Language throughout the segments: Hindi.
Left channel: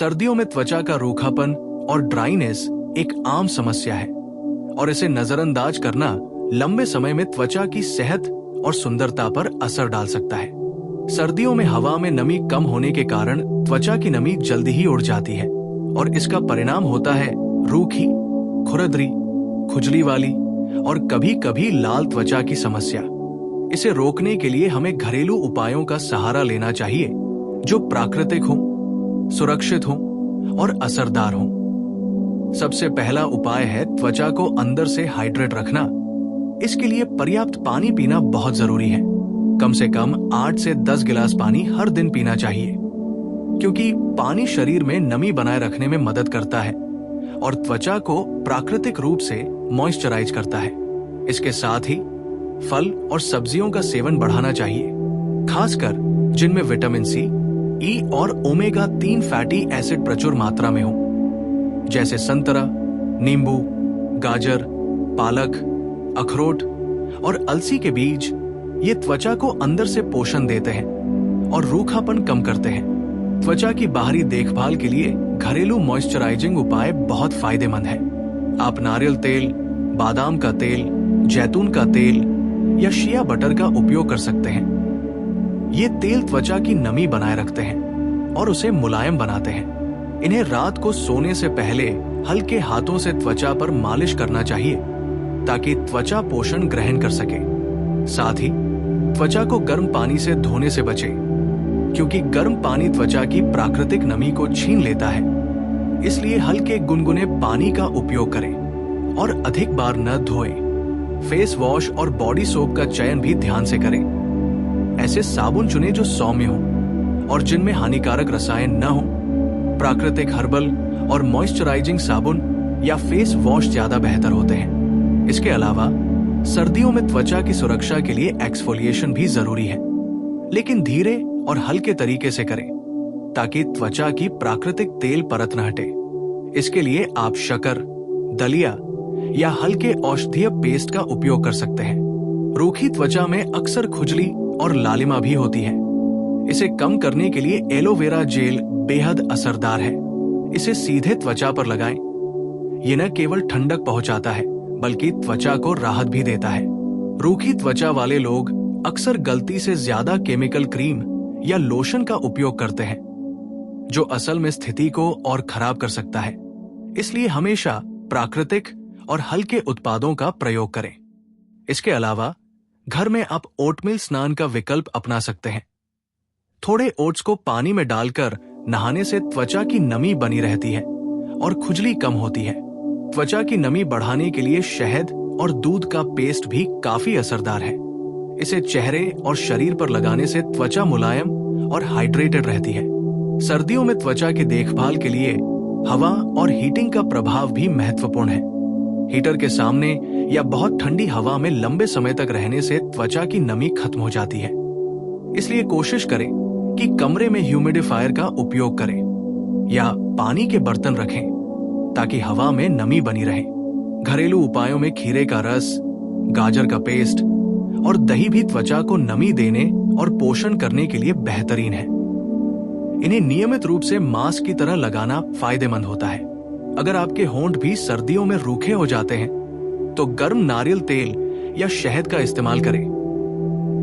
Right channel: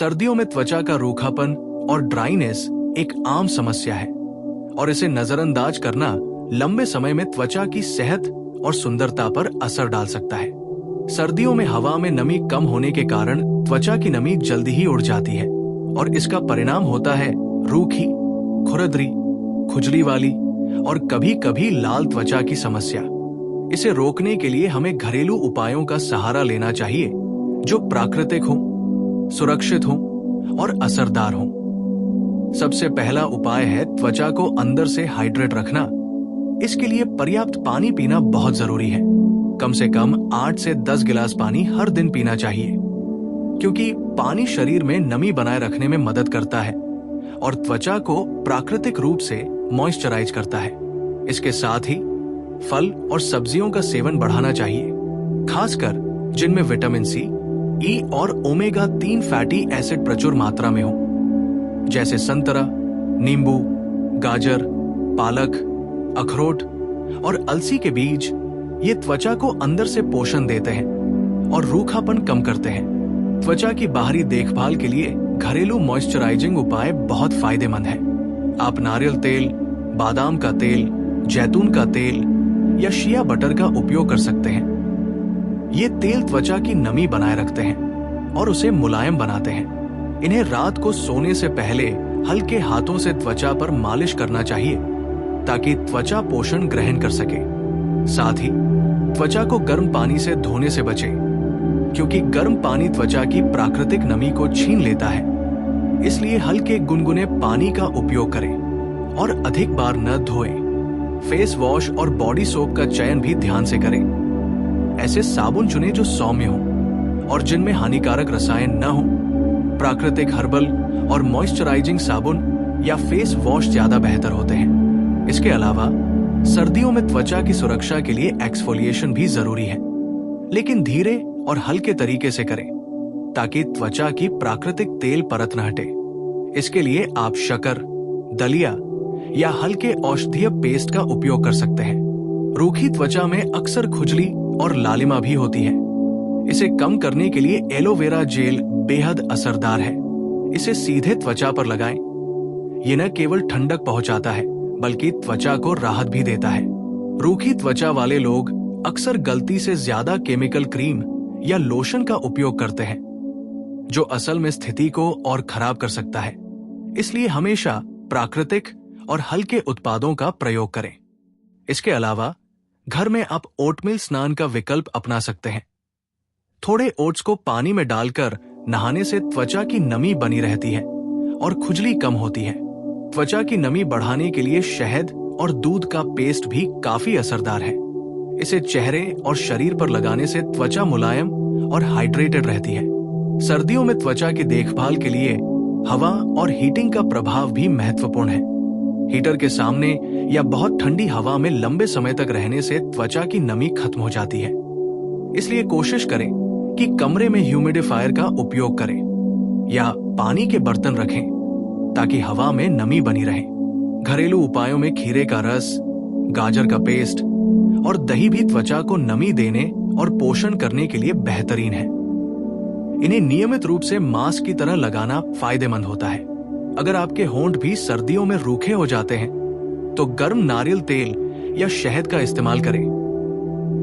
सर्दियों में त्वचा का रूखापन और ड्राइनेस एक आम समस्या है और इसे नजरअंदाज करना लंबे समय में त्वचा की सेहत और सुंदरता पर असर डाल सकता है। सर्दियों में हवा में नमी कम होने के कारण त्वचा की नमी जल्दी ही उड़ जाती है और इसका परिणाम होता है रूखी, खुरदरी, खुजली वाली और कभी कभी लाल त्वचा की समस्या। इसे रोकने के लिए हमें घरेलू उपायों का सहारा लेना चाहिए जो प्राकृतिक हों, सुरक्षित हों और असरदार हों। सबसे पहला उपाय है त्वचा को अंदर से हाइड्रेट रखना। इसके लिए पर्याप्त पानी पीना बहुत जरूरी है। कम से कम 8 से 10 गिलास पानी हर दिन पीना चाहिए, क्योंकि पानी शरीर में नमी बनाए रखने में मदद करता है और त्वचा को प्राकृतिक रूप से मॉइस्चराइज करता है। इसके साथ ही फल और सब्जियों का सेवन बढ़ाना चाहिए, खासकर जिनमें विटामिन सी, ई और ओमेगा 3 फैटी एसिड प्रचुर मात्रा में हो, जैसे संतरा, नींबू, गाजर, पालक, अखरोट और अलसी के बीज। ये त्वचा को अंदर से पोषण देते हैं और रूखापन कम करते हैं। त्वचा की बाहरी देखभाल के लिए घरेलू मॉइस्चराइजिंग उपाय बहुत फायदेमंद है। आप नारियल तेल, बादाम का तेल, जैतून का तेल या शिया बटर का उपयोग कर सकते हैं। ये तेल त्वचा की नमी बनाए रखते हैं और उसे मुलायम बनाते हैं। इन्हें रात को सोने से पहले हल्के हाथों से त्वचा पर मालिश करना चाहिए ताकि त्वचा पोषण ग्रहण कर सके। साथ ही त्वचा को गर्म पानी से धोने से बचें, क्योंकि गर्म पानी त्वचा की प्राकृतिक नमी को छीन लेता है। इसलिए हल्के गुनगुने पानी का उपयोग करें और अधिक बार न धोएं। फेस वॉश और बॉडी सोप का चयन भी ध्यान से करें। ऐसे साबुन चुनें जो सौम्य हों और जिनमें हानिकारक रसायन न हों। प्राकृतिक हर्बल और मॉइस्चराइजिंग साबुन या फेस वॉश ज्यादा बेहतर होते हैं। इसके अलावा सर्दियों में त्वचा की सुरक्षा के लिए एक्सफोलिएशन भी जरूरी है, लेकिन धीरे और हल्के तरीके से करें ताकि त्वचा की प्राकृतिक तेल परत न हटे। इसके लिए आप शक्कर, दलिया या हल्के औषधीय पेस्ट का उपयोग कर सकते हैं। रूखी त्वचा में अक्सर खुजली और लालिमा भी होती है। इसे कम करने के लिए एलोवेरा जेल बेहद असरदार है। इसे सीधे त्वचा पर लगाएं। ये न केवल ठंडक पहुंचाता है बल्कि त्वचा को राहत भी देता है। रूखी त्वचा वाले लोग अक्सर गलती से ज्यादा केमिकल क्रीम या लोशन का उपयोग करते हैं, जो असल में स्थिति को और खराब कर सकता है। इसलिए हमेशा प्राकृतिक और हल्के उत्पादों का प्रयोग करें। इसके अलावा घर में आप ओटमील स्नान का विकल्प अपना सकते हैं। थोड़े ओट्स को पानी में डालकर नहाने से त्वचा की नमी बनी रहती है और खुजली कम होती है। त्वचा की नमी बढ़ाने के लिए शहद और दूध का पेस्ट भी काफी असरदार है। इसे चेहरे और शरीर पर लगाने से त्वचा मुलायम और हाइड्रेटेड रहती है। सर्दियों में त्वचा की देखभाल के लिए हवा और हीटिंग का प्रभाव भी महत्वपूर्ण है। हीटर के सामने या बहुत ठंडी हवा में लंबे समय तक रहने से त्वचा की नमी खत्म हो जाती है। इसलिए कोशिश करें कि कमरे में ह्यूमिडिफायर का उपयोग करें या पानी के बर्तन रखें ताकि हवा में नमी बनी रहे। घरेलू उपायों में खीरे का रस, गाजर का पेस्ट और दही भी त्वचा को नमी देने और पोषण करने के लिए बेहतरीन है। इन्हें नियमित रूप से मास्क की तरह लगाना फायदेमंद होता है। अगर आपके होंठ भी सर्दियों में रूखे हो जाते हैं तो गर्म नारियल तेल या शहद का इस्तेमाल करें।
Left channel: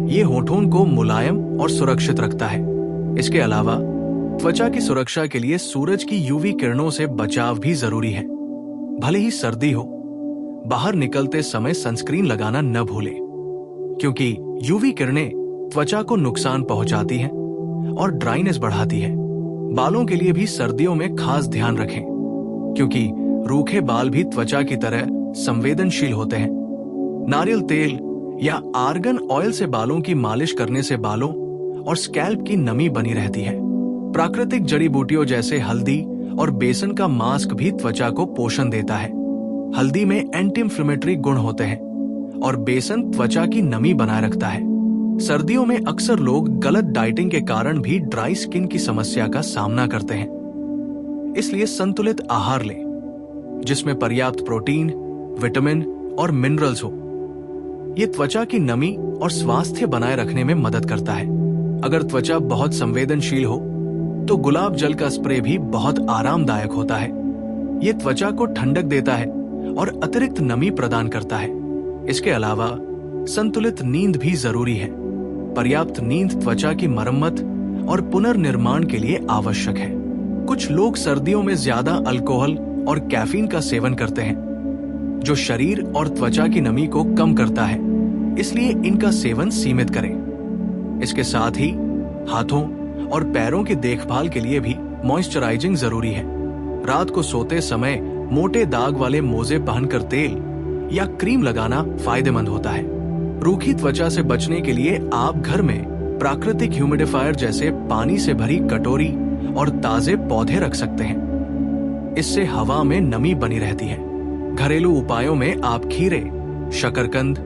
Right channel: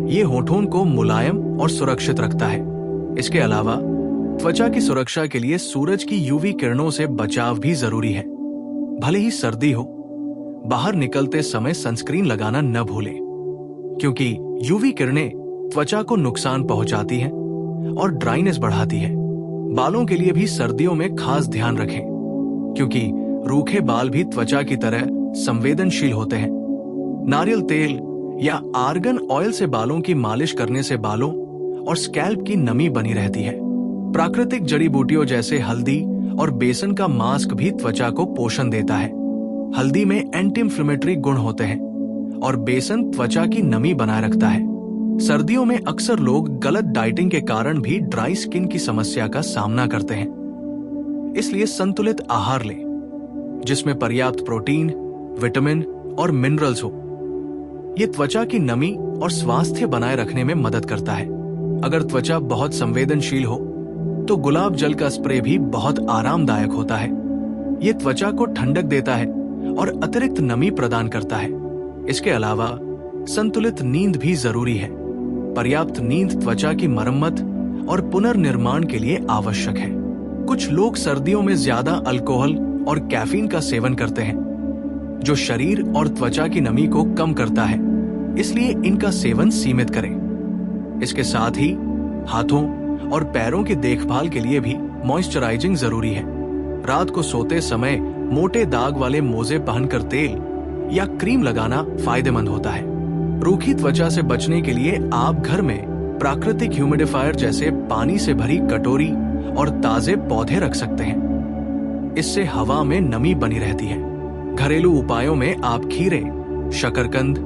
यह होठों को मुलायम और सुरक्षित रखता है। इसके अलावा त्वचा की सुरक्षा के लिए सूरज की यूवी किरणों से बचाव भी जरूरी है। भले ही सर्दी हो, बाहर निकलते समय सनस्क्रीन लगाना न भूलें, क्योंकि यूवी किरणें त्वचा को नुकसान पहुंचाती हैं और ड्राइनेस बढ़ाती है। बालों के लिए भी सर्दियों में खास ध्यान रखें, क्योंकि रूखे बाल भी त्वचा की तरह संवेदनशील होते हैं। नारियल तेल या आर्गन ऑयल से बालों की मालिश करने से बालों और स्कैल्प की नमी बनी रहती है। प्राकृतिक जड़ी बूटियों जैसे हल्दी और बेसन का मास्क भी त्वचा को पोषण देता है। हल्दी में एंटी इंफ्लेमेटरी गुण होते हैं और बेसन त्वचा की नमी बनाए रखता है। सर्दियों में अक्सर लोग गलत डाइटिंग के कारण भी ड्राई स्किन की समस्या का सामना करते हैं। इसलिए संतुलित आहार लें, जिसमें पर्याप्त प्रोटीन, विटामिन और मिनरल्स हो। यह त्वचा की नमी और स्वास्थ्य बनाए रखने में मदद करता है। अगर त्वचा बहुत संवेदनशील हो तो गुलाब जल का स्प्रे भी बहुत आरामदायक होता है। ये त्वचा को ठंडक देता है और अतिरिक्त नमी प्रदान करता है। इसके अलावा संतुलित नींद भी जरूरी है। पर्याप्त नींद त्वचा की मरम्मत और पुनर्निर्माण के लिए आवश्यक है। कुछ लोग सर्दियों में ज्यादा अल्कोहल और कैफीन का सेवन करते हैं, जो शरीर और त्वचा की नमी को कम करता है, इसलिए इनका सेवन सीमित करें। इसके साथ ही हाथों और पैरों की देखभाल के लिए भी मॉइस्चराइजिंग जरूरी है। रात को सोते समय मोटे दाग वाले मोजे पहनकर तेल या क्रीम लगाना फायदेमंद होता है। रूखी त्वचा से बचने के लिए आप घर में प्राकृतिक ह्यूमिडिफायर जैसे पानी से भरी कटोरी और ताजे पौधे रख सकते हैं। इससे हवा में नमी बनी रहती है। घरेलू उपायों में आप खीरे, शकरकंद,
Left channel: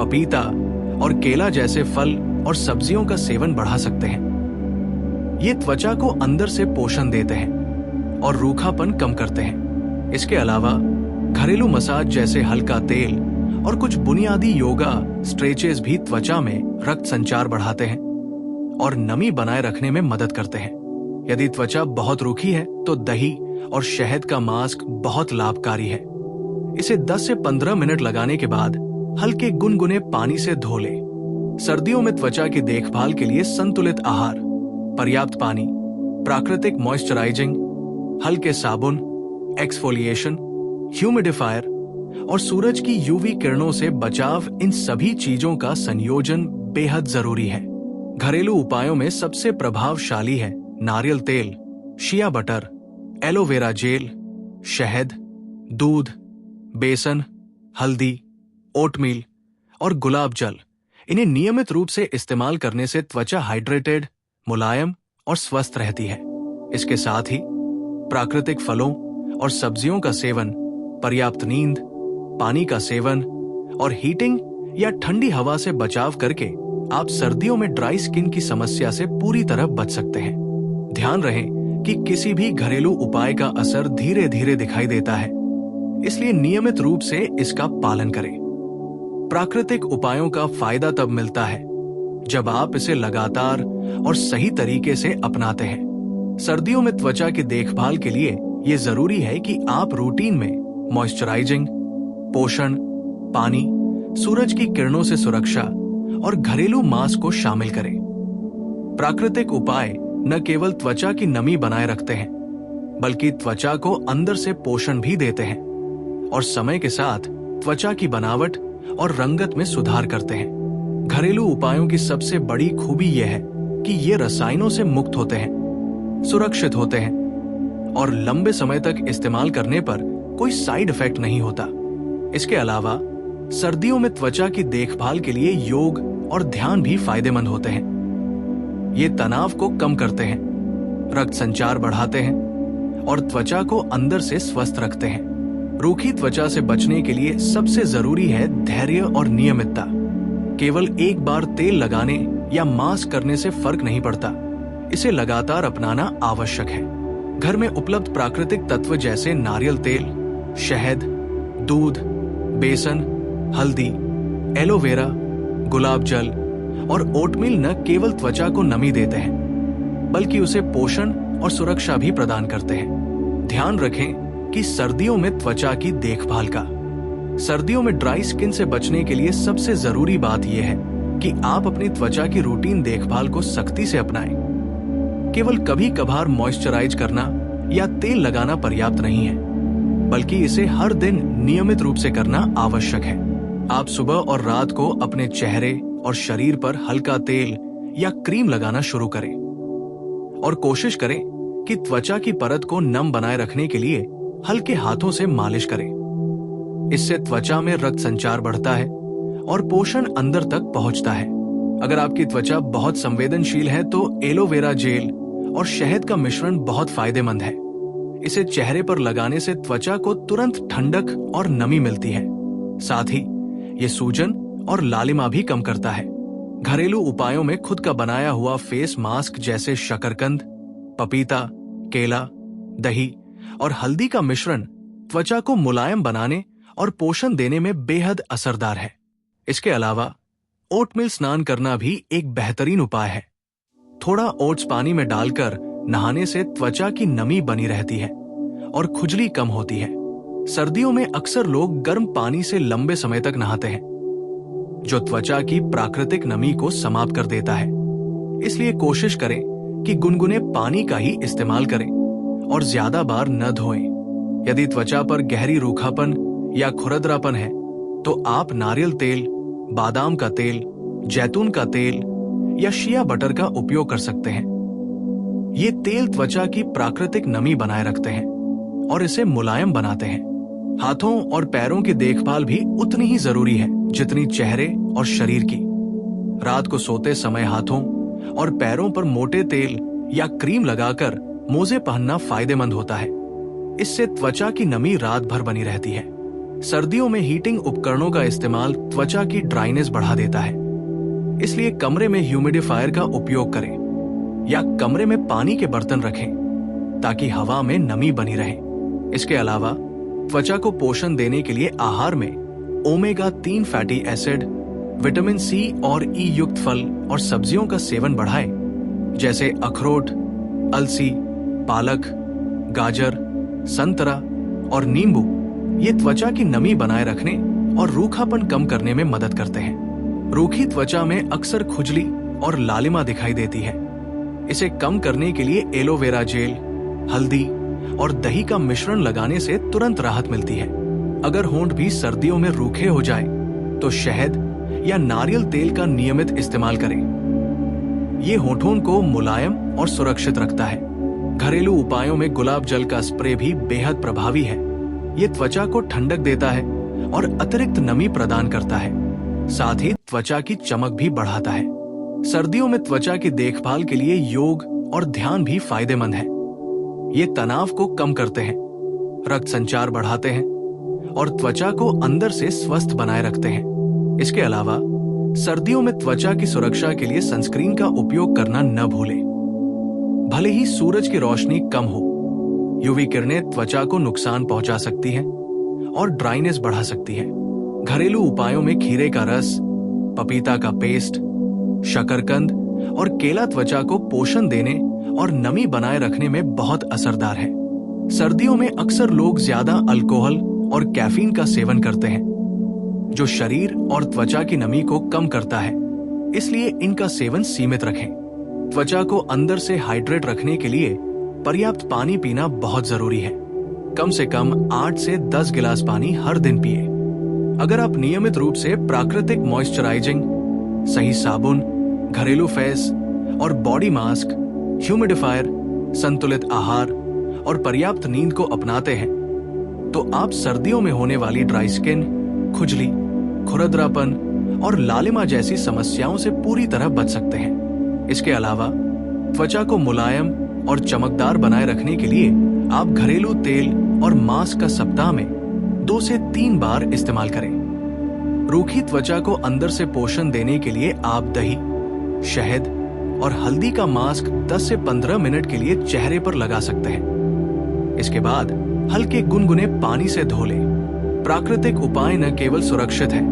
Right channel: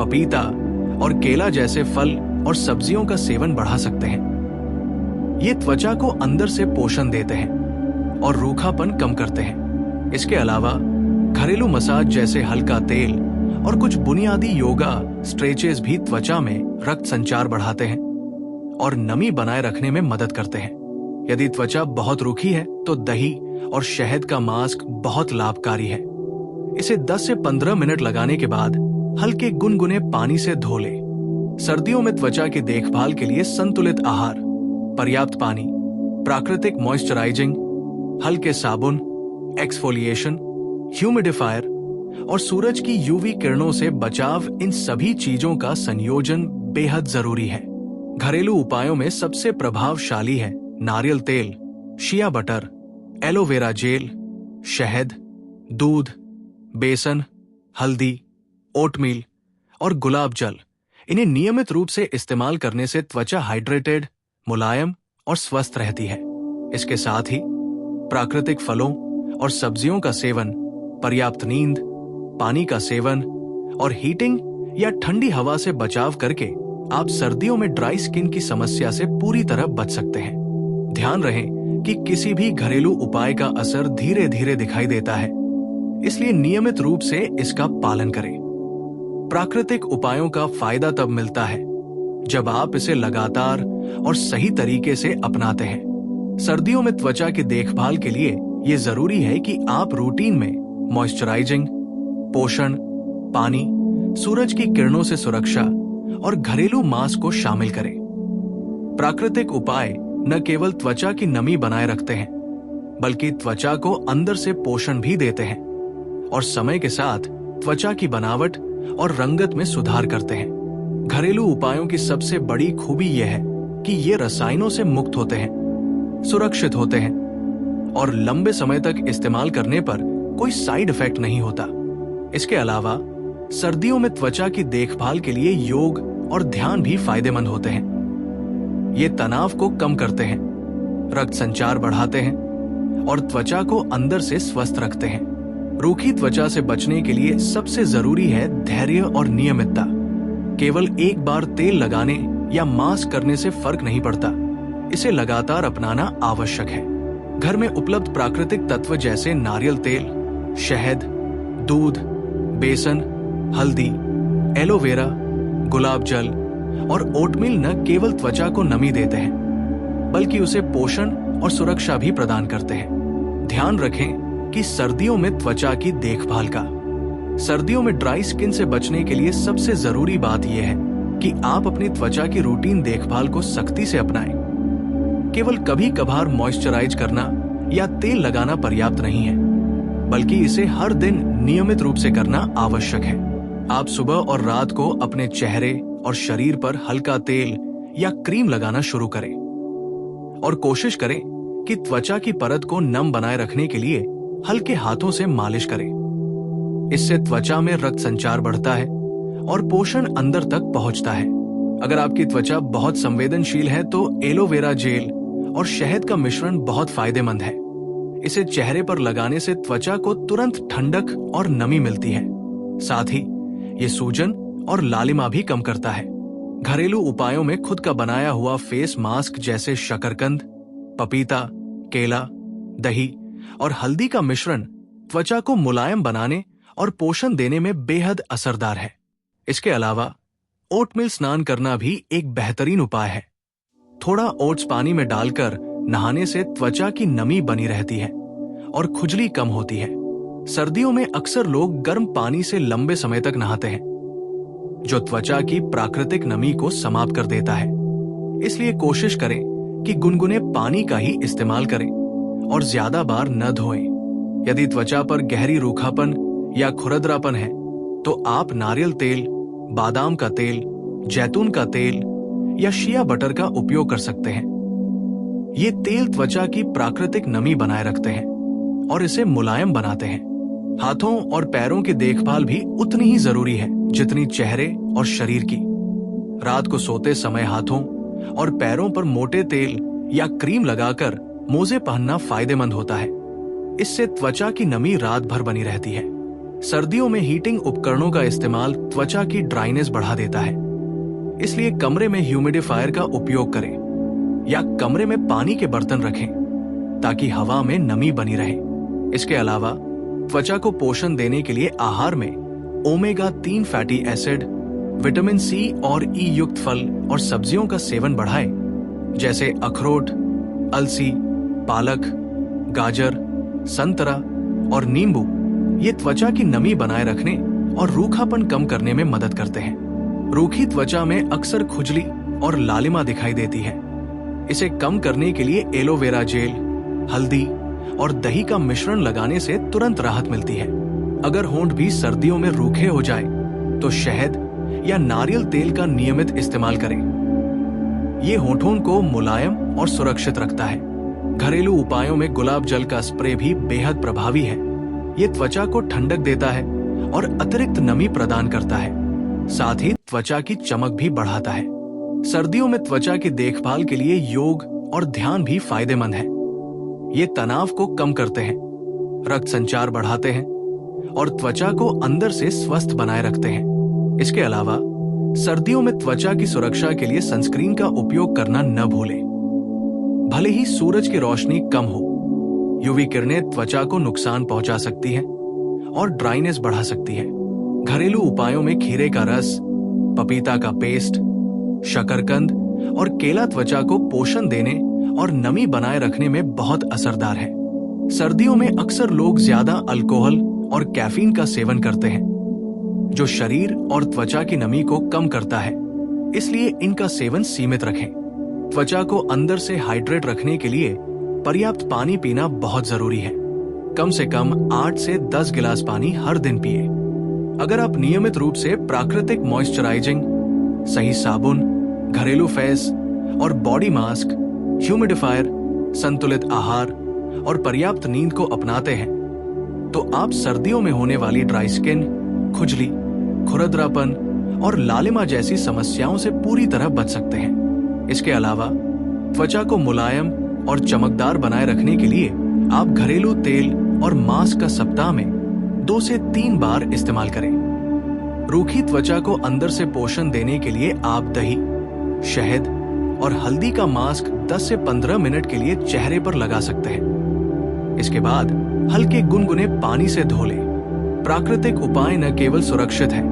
पपीता और केला जैसे फल और सब्जियों का सेवन बढ़ा सकते हैं। ये त्वचा को अंदर से पोषण देते हैं और रूखापन कम करते हैं। इसके अलावा घरेलू मसाज जैसे हल्का तेल और कुछ बुनियादी योगा स्ट्रेचेस भी त्वचा में रक्त संचार बढ़ाते हैं और नमी बनाए रखने में मदद करते हैं। यदि त्वचा बहुत रूखी है तो दही और शहद का मास्क बहुत लाभकारी है। इसे 10 से 15 मिनट लगाने के बाद हल्के गुनगुने पानी से धो ले। सर्दियों में त्वचा की देखभाल के लिए संतुलित आहार, पर्याप्त पानी, प्राकृतिक मॉइस्चराइजिंग, हल्के साबुन, एक्सफोलिएशन, ह्यूमिडिफायर और सूरज की यूवी किरणों से बचाव, इन सभी चीजों का संयोजन बेहद जरूरी है। घरेलू उपायों में सबसे प्रभावशाली है नारियल तेल, शिया बटर, एलोवेरा जेल, शहद, दूध, बेसन, हल्दी, ओटमील और गुलाब जल। इन्हें नियमित रूप से इस्तेमाल करने से त्वचा हाइड्रेटेड, मुलायम और स्वस्थ रहती है। इसके साथ ही प्राकृतिक फलों और सब्जियों का सेवन, पर्याप्त नींद, पानी का सेवन और हीटिंग या ठंडी हवा से बचाव करके आप सर्दियों में ड्राई स्किन की समस्या से पूरी तरह बच सकते हैं। ध्यान रहे कि किसी भी घरेलू उपाय का असर धीरे धीरे दिखाई देता है, इसलिए नियमित रूप से इसका पालन करें। प्राकृतिक उपायों का फायदा तब मिलता है जब आप इसे लगातार और सही तरीके से अपनाते हैं। सर्दियों में त्वचा की देखभाल के लिए यह जरूरी है कि आप रूटीन में मॉइस्चराइजिंग, पोषण, पानी, सूरज की किरणों से सुरक्षा और घरेलू मास्क को शामिल करें। प्राकृतिक उपाय न केवल त्वचा की नमी बनाए रखते हैं, बल्कि त्वचा को अंदर से पोषण भी देते हैं और समय के साथ त्वचा की बनावट और रंगत में सुधार करते हैं। घरेलू उपायों की सबसे बड़ी खूबी यह है कि ये रसायनों से मुक्त होते हैं, सुरक्षित होते हैं और लंबे समय तक इस्तेमाल करने पर कोई साइड इफेक्ट नहीं होता। इसके अलावा सर्दियों में त्वचा की देखभाल के लिए योग और ध्यान भी फायदेमंद होते हैं। ये तनाव को कम करते हैं, रक्त संचार बढ़ाते हैं और त्वचा को अंदर से स्वस्थ रखते हैं। रूखी त्वचा से बचने के लिए सबसे जरूरी है धैर्य और नियमितता। केवल एक बार तेल लगाने या मास्क करने से फर्क नहीं पड़ता, इसे लगातार अपनाना आवश्यक है। घर में उपलब्ध प्राकृतिक तत्व जैसे नारियल तेल, शहद, दूध, बेसन, हल्दी, एलोवेरा, गुलाब जल और ओटमील न केवल त्वचा को नमी देते हैं, बल्कि उसे पोषण और सुरक्षा भी प्रदान करते हैं। ध्यान रखें कि सर्दियों में त्वचा की देखभाल का, सर्दियों में ड्राई स्किन से बचने के लिए सबसे जरूरी बात यह है कि आप अपनी त्वचा की रूटीन देखभाल को सख्ती से अपनाएं। केवल कभी कभार मॉइस्चराइज करना या तेल लगाना पर्याप्त नहीं है, बल्कि इसे हर दिन नियमित रूप से करना आवश्यक है। आप सुबह और रात को अपने चेहरे और शरीर पर हल्का तेल या क्रीम लगाना शुरू करें और कोशिश करें कि त्वचा की परत को नम बनाए रखने के लिए हल्के हाथों से मालिश करें। इससे त्वचा में रक्त संचार बढ़ता है और पोषण अंदर तक पहुंचता है। अगर आपकी त्वचा बहुत संवेदनशील है तो एलोवेरा जेल और शहद का मिश्रण बहुत फायदेमंद है। इसे चेहरे पर लगाने से त्वचा को तुरंत ठंडक और नमी मिलती है। साथ ही ये सूजन और लालिमा भी कम करता है। घरेलू उपायों में खुद का बनाया हुआ फेस मास्क जैसे शकरकंद, पपीता, केला, दही और हल्दी का मिश्रण त्वचा को मुलायम बनाने और पोषण देने में बेहद असरदार है। इसके अलावा ओटमील स्नान करना भी एक बेहतरीन उपाय है। थोड़ा ओट्स पानी में डालकर नहाने से त्वचा की नमी बनी रहती है और खुजली कम होती है। सर्दियों में अक्सर लोग गर्म पानी से लंबे समय तक नहाते हैं, जो त्वचा की प्राकृतिक नमी को समाप्त कर देता है। इसलिए कोशिश करें कि गुनगुने पानी का ही इस्तेमाल करें और ज्यादा बार न धोएं। यदि त्वचा पर गहरी रूखापन या खुरदरापन है तो आप नारियल तेल, बादाम का तेल, जैतून का तेल या शिया बटर का उपयोग कर सकते हैं। ये तेल त्वचा की प्राकृतिक नमी बनाए रखते हैं और इसे मुलायम बनाते हैं। हाथों और पैरों की देखभाल भी उतनी ही जरूरी है जितनी चेहरे और शरीर की। रात को सोते समय हाथों और पैरों पर मोटे तेल या क्रीम लगाकर मोजे पहनना फायदेमंद होता है। इससे त्वचा की नमी रात भर बनी रहती है। सर्दियों में हीटिंग उपकरणों का इस्तेमाल त्वचा की ड्राइनेस बढ़ा देता है, इसलिए कमरे में ह्यूमिडिफायर का उपयोग करें या कमरे में पानी के बर्तन रखें ताकि हवा में नमी बनी रहे। इसके अलावा त्वचा को पोषण देने के लिए आहार में omega 3 fatty acid, vitamin C और ई युक्त फल और सब्जियों का सेवन बढ़ाएं, जैसे अखरोट, अलसी, पालक, गाजर, संतरा और नींबू। ये त्वचा की नमी बनाए रखने और रूखापन कम करने में मदद करते हैं। रूखी त्वचा में अक्सर खुजली और लालिमा दिखाई देती है। इसे कम करने के लिए एलोवेरा जेल, हल्दी और दही का मिश्रण लगाने से तुरंत राहत मिलती है। अगर होंठ भी सर्दियों में रूखे हो जाए तो शहद या नारियल तेल का नियमित इस्तेमाल करें। ये होठों को मुलायम और सुरक्षित रखता है। घरेलू उपायों में गुलाब जल का स्प्रे भी बेहद प्रभावी है। ये त्वचा को ठंडक देता है और अतिरिक्त नमी प्रदान करता है, साथ ही त्वचा की चमक भी बढ़ाता है। सर्दियों में त्वचा की देखभाल के लिए योग और ध्यान भी फायदेमंद है। ये तनाव को कम करते हैं, रक्त संचार बढ़ाते हैं और त्वचा को अंदर से स्वस्थ बनाए रखते हैं। इसके अलावा सर्दियों में त्वचा की सुरक्षा के लिए सनस्क्रीन का उपयोग करना न भूलें। भले ही सूरज की रोशनी कम हो, यूवी किरणें त्वचा को नुकसान पहुंचा सकती हैं और ड्राइनेस बढ़ा सकती है। घरेलू उपायों में खीरे का रस, पपीता का पेस्ट, शकरकंद और केला त्वचा को पोषण देने और नमी बनाए रखने में बहुत असरदार है। सर्दियों में अक्सर लोग ज्यादा अल्कोहल और कैफीन का सेवन करते हैं, जो शरीर और त्वचा की नमी को कम करता है, इसलिए इनका सेवन सीमित रखें। त्वचा को अंदर से हाइड्रेट रखने के लिए पर्याप्त पानी पीना बहुत जरूरी है। कम से कम 8 से 10 गिलास पानी हर दिन पिए। अगर आप नियमित रूप से प्राकृतिक मॉइस्चराइजिंग, सही साबुन, घरेलू फेस और बॉडी मास्क, ह्यूमिडिफायर, संतुलित आहार और पर्याप्त नींद को अपनाते हैं, तो आप सर्दियों में होने वाली ड्राई स्किन, खुजली, खुरदरापन और लालिमा जैसी समस्याओं से पूरी तरह बच सकते हैं। इसके अलावा त्वचा को मुलायम और चमकदार बनाए रखने के लिए आप घरेलू तेल और मास्क का सप्ताह में 2 से 3 बार इस्तेमाल करें। रूखी त्वचा को अंदर से पोषण देने के लिए आप दही, शहद और हल्दी का मास्क 10 से 15 मिनट के लिए चेहरे पर लगा सकते हैं। इसके बाद हल्के गुनगुने पानी से धो लें। प्राकृतिक उपाय न केवल सुरक्षित है,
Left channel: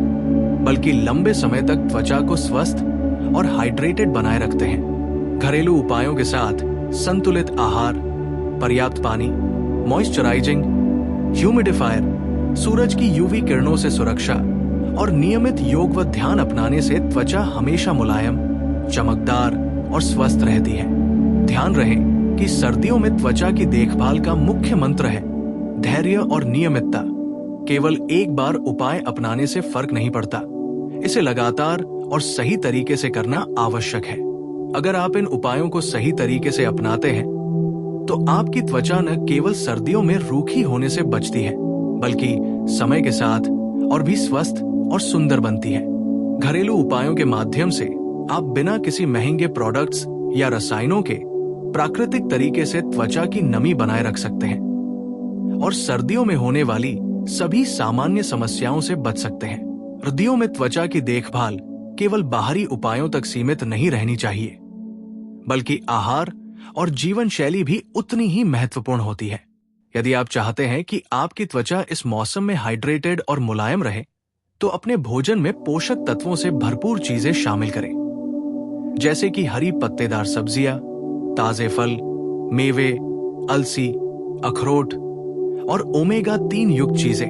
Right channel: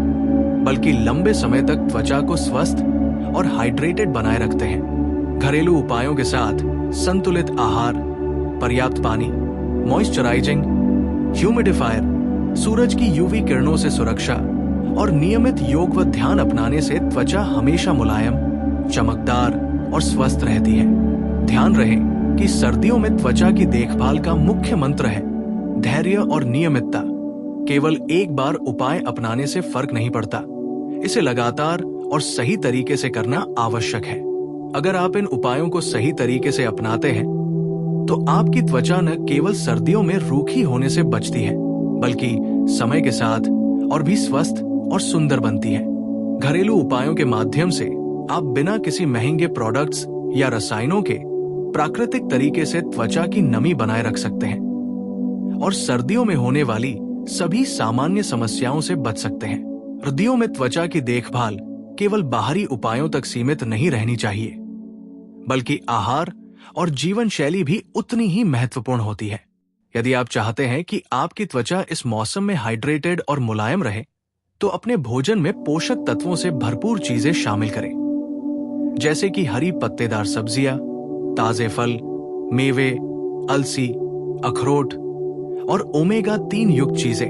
बल्कि लंबे समय तक त्वचा को स्वस्थ और हाइड्रेटेड बनाए रखते हैं। घरेलू उपायों के साथ संतुलित आहार, पर्याप्त पानी, मॉइस्चराइजिंग, ह्यूमिडिफायर, सूरज की यूवी किरणों से सुरक्षा और नियमित योग व ध्यान अपनाने से त्वचा हमेशा मुलायम, चमकदार और स्वस्थ रहती है। ध्यान रहे कि सर्दियों में त्वचा की देखभाल का मुख्य मंत्र है धैर्य और नियमितता। केवल एक बार उपाय अपनाने से फर्क नहीं पड़ता, इसे लगातार और सही तरीके से करना आवश्यक है। अगर आप इन उपायों को सही तरीके से अपनाते हैं तो आपकी त्वचा न केवल सर्दियों में रूखी होने से बचती है, बल्कि समय के साथ और भी स्वस्थ और सुंदर बनती है। घरेलू उपायों के माध्यम से आप बिना किसी महंगे प्रोडक्ट्स या रसायनों के प्राकृतिक तरीके से त्वचा की नमी बनाए रख सकते हैं और सर्दियों में होने वाली सभी सामान्य समस्याओं से बच सकते हैं। सर्दियों में त्वचा की देखभाल केवल बाहरी उपायों तक सीमित नहीं रहनी चाहिए, बल्कि आहार और जीवन शैली भी उतनी ही महत्वपूर्ण होती है। यदि आप चाहते हैं कि आपकी त्वचा इस मौसम में हाइड्रेटेड और मुलायम रहे, तो अपने भोजन में पोषक तत्वों से भरपूर चीजें शामिल करें, जैसे कि हरी पत्तेदार सब्जियां, ताजे फल, मेवे, अलसी, अखरोट और ओमेगा 3 युक्त चीजें,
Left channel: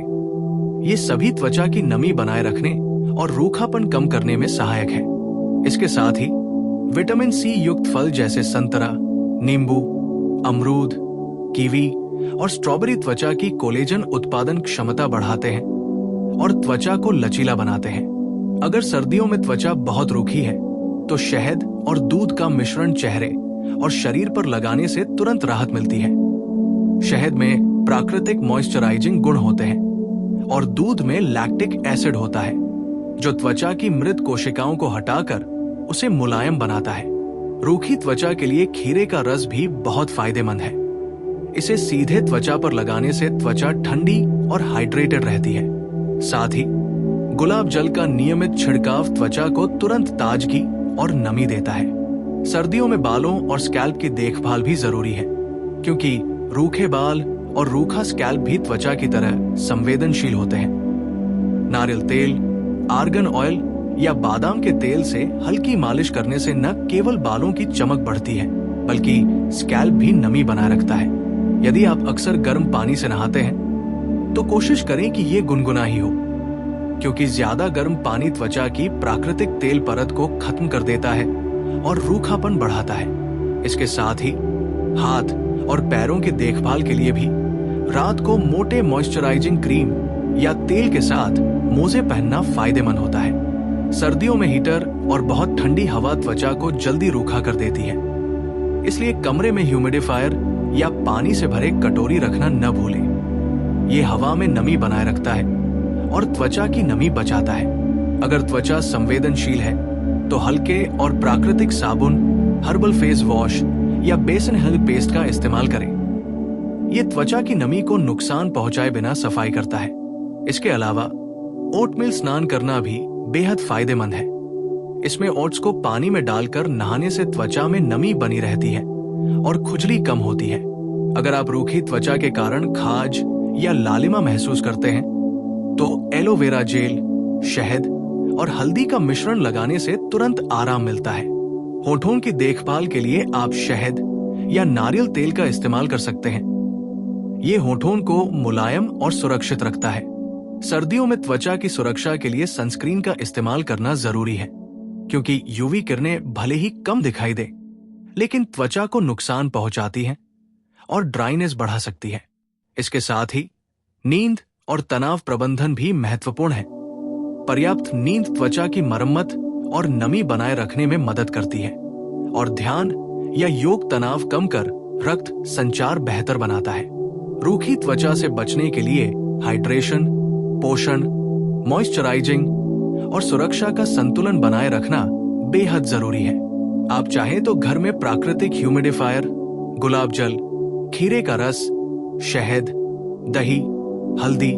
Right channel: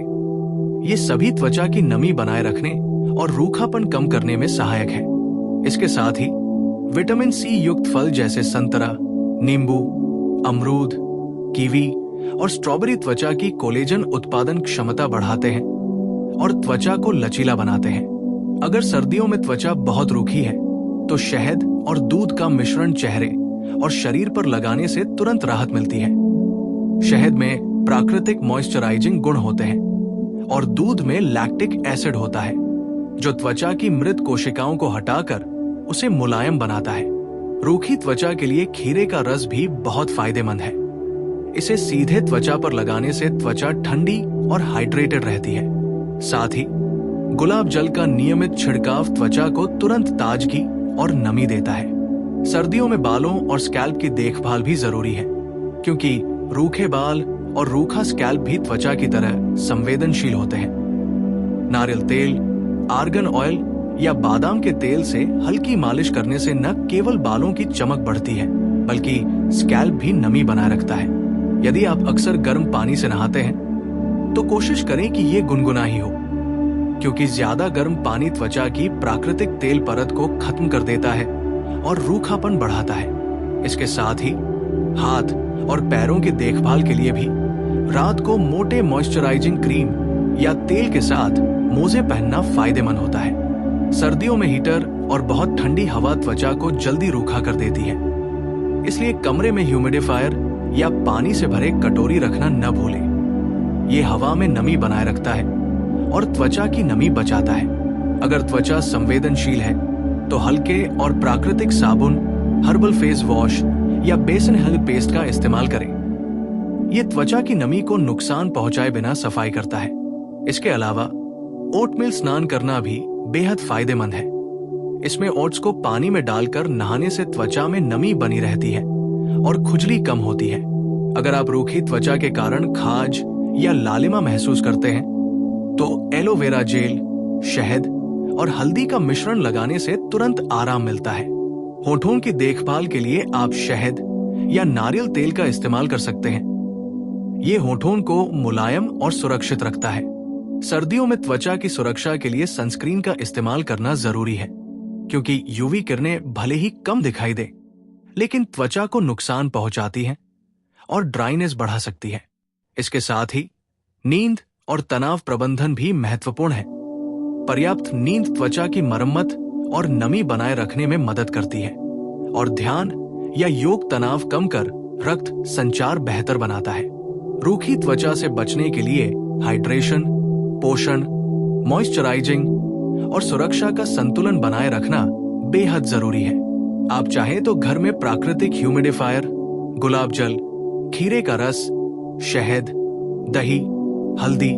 ये सभी त्वचा की नमी बनाए रखने और रूखापन कम करने में सहायक है। इसके साथ ही विटामिन सी युक्त फल जैसे संतरा, नींबू, अमरूद, कीवी और स्ट्रॉबेरी त्वचा की कोलेजन उत्पादन क्षमता बढ़ाते हैं और त्वचा को लचीला बनाते हैं। अगर सर्दियों में त्वचा बहुत रूखी है तो शहद और दूध का मिश्रण चेहरे और शरीर पर लगाने से तुरंत राहत मिलती है। शहद में प्राकृतिक मॉइस्चराइजिंग गुण होते हैं और दूध में लैक्टिक एसिड होता है जो त्वचा की मृत कोशिकाओं को हटाकर उसे मुलायम बनाता है। रूखी त्वचा के लिए खीरे का रस भी बहुत फायदेमंद है। इसे सीधे त्वचा पर लगाने से त्वचा ठंडी और हाइड्रेटेड रहती है। साथ ही गुलाब जल का नियमित छिड़काव त्वचा को तुरंत ताजगी और नमी देता है। सर्दियों में बालों और स्कैल्प की देखभाल भी जरूरी है क्योंकि रूखे बाल और रूखा स्कैल्प भी त्वचा की तरह संवेदनशील होते हैं। नारियल तेल, आर्गन ऑयल या बादाम के तेल से हल्की मालिश करने से न केवल बालों की चमक बढ़ती है बल्कि स्कैल्प भी नमी बनाए रखता है। यदि आप अक्सर गर्म पानी से नहाते हैं तो कोशिश करें कि ये गुनगुना ही हो क्योंकि ज्यादा गर्म पानी त्वचा की प्राकृतिक तेल परत को खत्म कर देता है और रूखापन बढ़ाता है। इसके साथ ही हाथ और पैरों की देखभाल के लिए भी रात को मोटे मॉइस्चराइजिंग क्रीम या तेल के साथ मोजे पहनना फायदेमंद होता है। सर्दियों में हीटर और बहुत ठंडी हवा त्वचा को जल्दी रूखा कर देती है, इसलिए कमरे में ह्यूमिडिफायर या पानी से भरे कटोरी रखना न भूलें। ये हवा में नमी बनाए रखता है और त्वचा की नमी बचाता है। अगर त्वचा संवेदनशील है तो हल्के और प्राकृतिक साबुन, हर्बल फेस वॉश या बेसन हेल्थ पेस्ट का इस्तेमाल करें। ये त्वचा की नमी को नुकसान पहुंचाए बिना सफाई करता है। इसके अलावा ओटमील स्नान करना भी बेहद फायदेमंद है। इसमें ओट्स को पानी में डालकर नहाने से त्वचा में नमी बनी रहती है और खुजली कम होती है। अगर आप रूखी त्वचा के कारण खाज या लालिमा महसूस करते हैं तो एलोवेरा जेल, शहद और हल्दी का मिश्रण लगाने से तुरंत आराम मिलता है। होठों की देखभाल के लिए आप शहद या नारियल तेल का इस्तेमाल कर सकते हैं। ये होठों को मुलायम और सुरक्षित रखता है। सर्दियों में त्वचा की सुरक्षा के लिए सनस्क्रीन का इस्तेमाल करना जरूरी है क्योंकि यूवी किरणें भले ही कम दिखाई दे लेकिन त्वचा को नुकसान पहुंचाती हैं और ड्राइनेस बढ़ा सकती है। इसके साथ ही नींद और तनाव प्रबंधन भी महत्वपूर्ण है। पर्याप्त नींद त्वचा की मरम्मत और नमी बनाए रखने में मदद करती है और ध्यान या योग तनाव कम कर रक्त संचार बेहतर बनाता है। रूखी त्वचा से बचने के लिए हाइड्रेशन, पोषण, मॉइस्चराइजिंग और सुरक्षा का संतुलन बनाए रखना बेहद जरूरी है। आप चाहें तो घर में प्राकृतिक ह्यूमिडिफायर, गुलाब जल, खीरे का रस, शहद, दही, हल्दी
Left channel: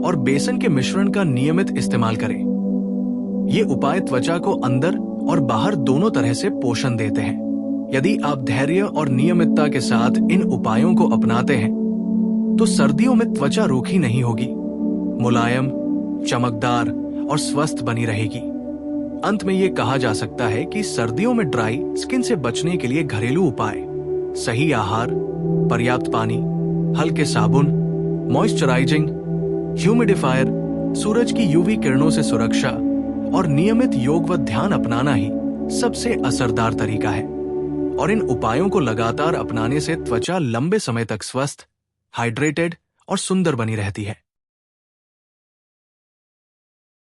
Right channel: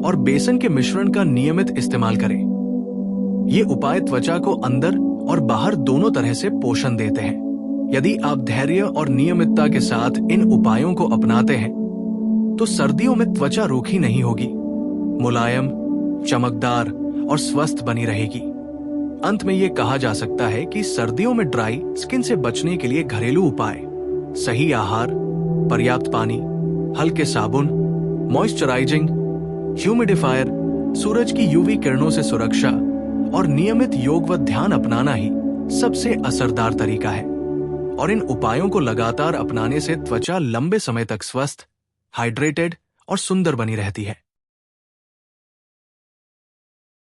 और बेसन के मिश्रण का नियमित इस्तेमाल करें। ये उपाय त्वचा को अंदर और बाहर दोनों तरह से पोषण देते हैं। यदि आप धैर्य और नियमितता के साथ इन उपायों को अपनाते हैं तो सर्दियों में त्वचा रूखी नहीं होगी, मुलायम, चमकदार और स्वस्थ बनी रहेगी। अंत में ये कहा जा सकता है कि सर्दियों में ड्राई स्किन से बचने के लिए घरेलू उपाय सही आहार, पर्याप्त पानी, हल्के साबुन, मॉइस्चराइजिंग, ह्यूमिडिफायर, सूरज की यूवी किरणों से सुरक्षा और नियमित योग व ध्यान अपनाना ही सबसे असरदार तरीका है। और इन उपायों को लगातार अपनाने से त्वचा लंबे समय तक स्वस्थ, हाइड्रेटेड और सुंदर बनी रहती है।